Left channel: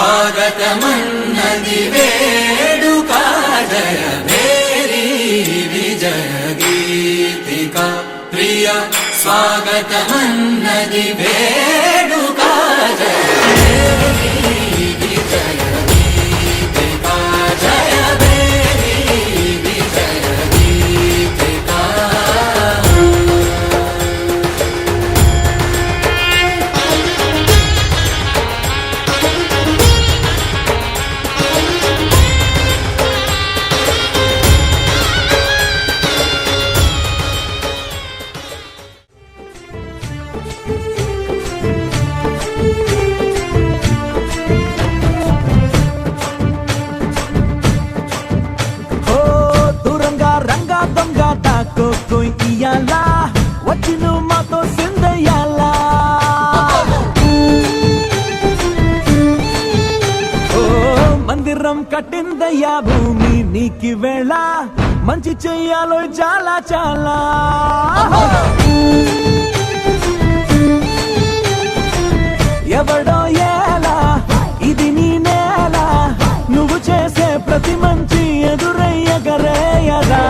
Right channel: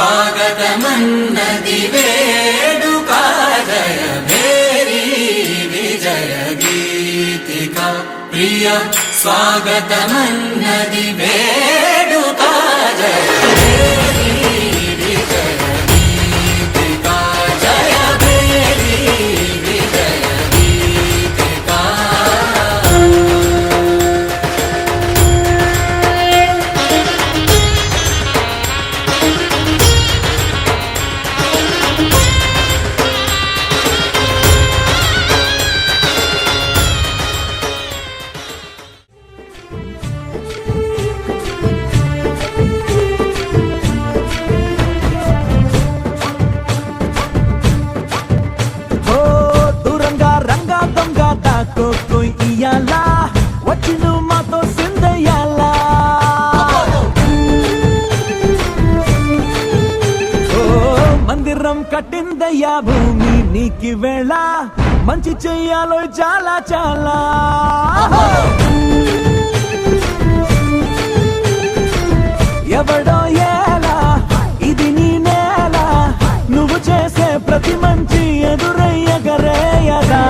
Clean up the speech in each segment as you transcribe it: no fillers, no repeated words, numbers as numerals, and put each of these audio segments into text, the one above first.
స్వాగతమన్నది వేడుక జయ మేరీ విజయ గీతిక ప్రియ స్వాగతమన్నది వేడుక జయ దొంగ దాక్కో ఇయ్యాలా వచ్చి నువ్వు మాతో సిందయ్యాలా ఓ మందిరం కట్టిందయ్యా భూమి నీకి వేళ మంచి చెయ్యాలో చాలా చాలా ఎవడో ఎలా ఇది నీ నేల నువ్వు చేసే ప్రతి మంచి ఎదురయ్యగరేయదా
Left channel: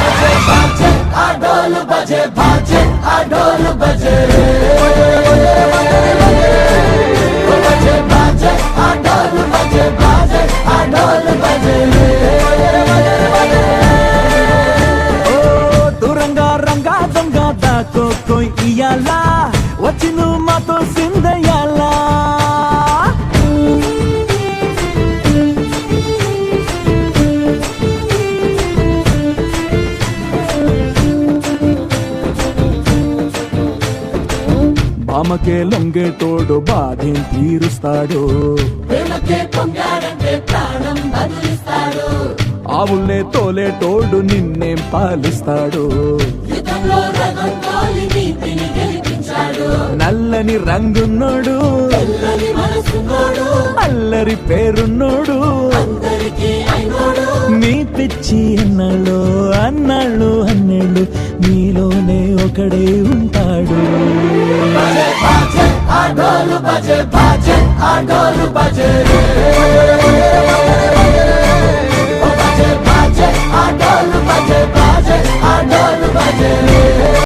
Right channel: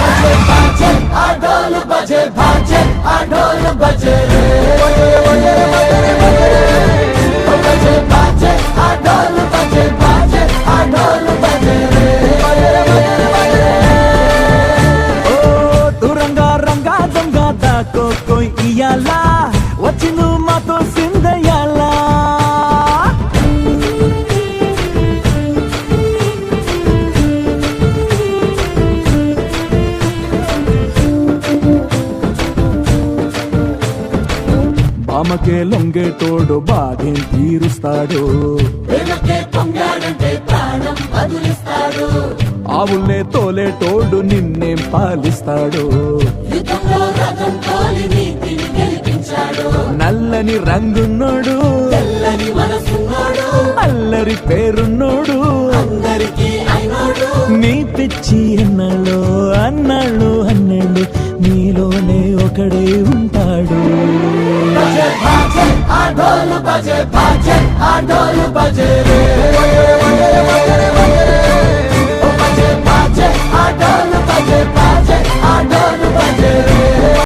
బజే బాజే ఆ ఢోల్ బజే బాజే ఆ ఢోల్ బజే రే బజే బాజే ఆ ఢోల్ బజే బాజే ఆ ఢోల్ బజే రే ఓ దూరంగా రంగా దొంగ దాక్కో ఇయ్యాలా వచ్చి నువ్వు మాతో సిందయ్యాలా బామకే లొంగేటోడు బాధేం తీరుస్తాడు ఆవుల్నే తోలేటోడు నిన్నేం పాలిస్తాడు నల్లని రంగున్నోడు అల్లరి పేరున్నోడు నీ పిచ్చి అన్నాళ్ళు అన్నాళ్ళు అన్నాళ్ళు నీలోనే ఒకడే ఉంటాడు బజే బాజే ఆ ఢోల్ బజే బాజే ఆ ఢోల్ బజే రే